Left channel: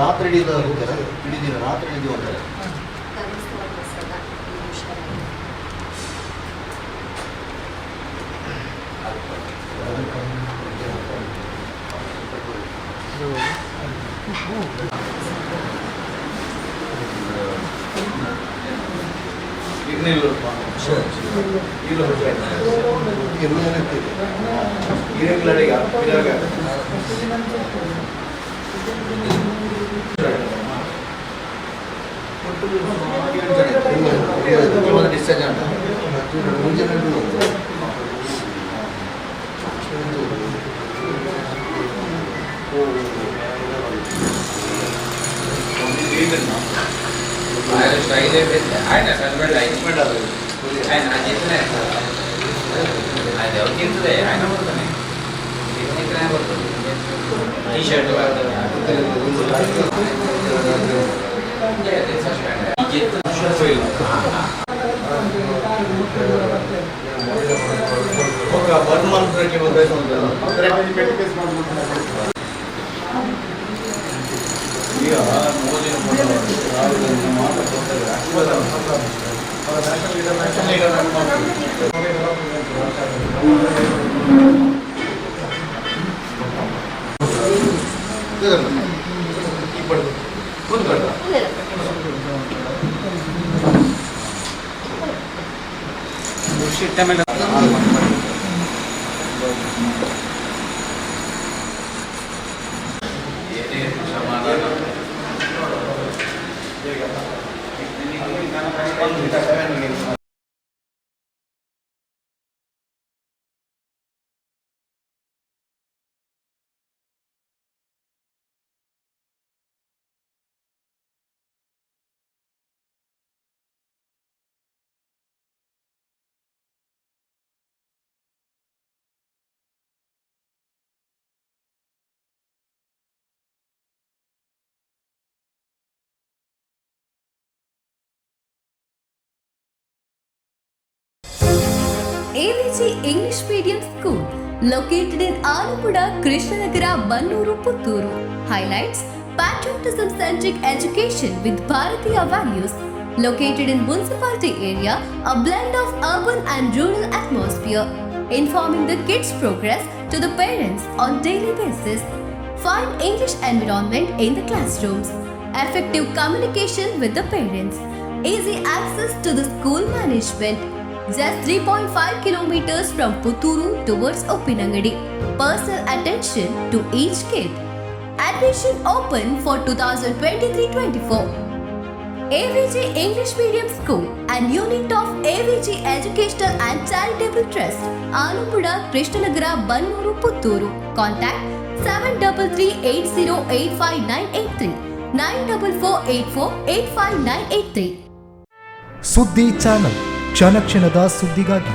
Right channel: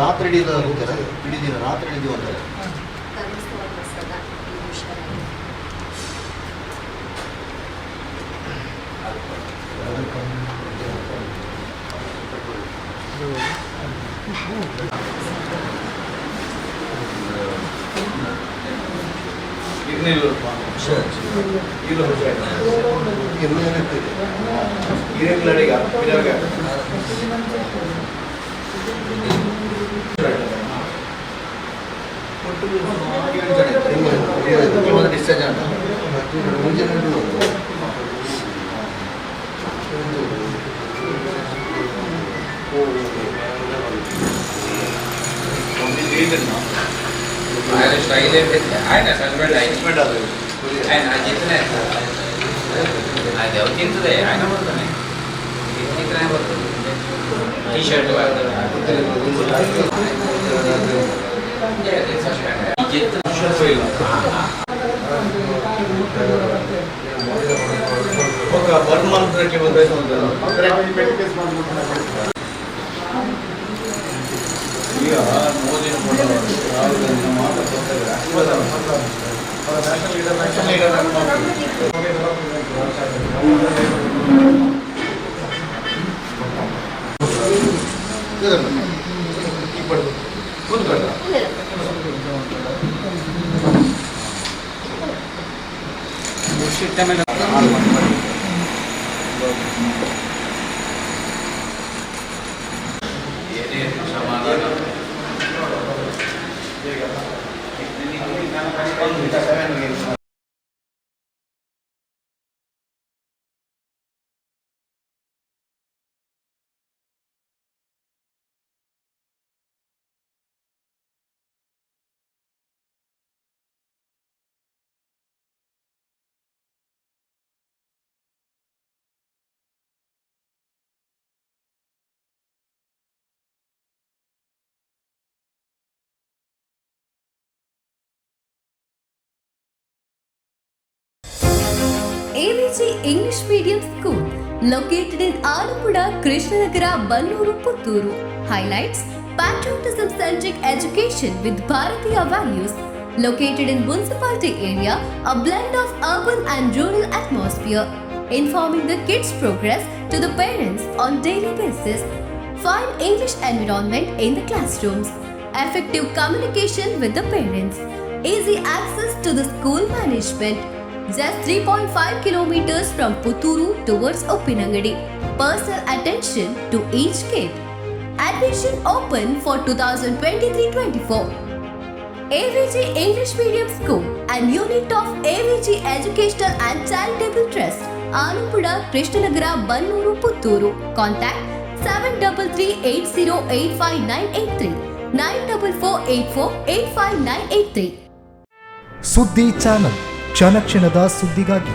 ರಾತ್ರಿ ಇಡೀ ದಿನ ರಾತ್ರಿ ಹೋಗ್ತಾರೆ. 𝐴𝐵G English Medium School located in Alappuzha, Krishnanagara, Mannooru, Puttur. Highlights: patriotism-centric education with Bharatiya values. Located in municipality area, a blend of urban and rural atmosphere. Informing the kids' progress to the parents on daily basis. Fine English environment in the classrooms. Effective communication with the parents. Easy access to the school management. Just 3.5 kilometers from Puttur towards Uppinangady. Personal attention to each kid. Admission open for 2023-24. 𝐴𝐵G English Medium School and unit of 𝐴𝐵G Educational and Charitable Trust, Alappuzha, Krishnanagara, Mannooru, Puttur. Contact 7338085983 9448485983. ಸುದ್ದಿ channel ಕ್ಷಣ ಕ್ಷಣದ ಸುದ್ದಿಗಾಗಿ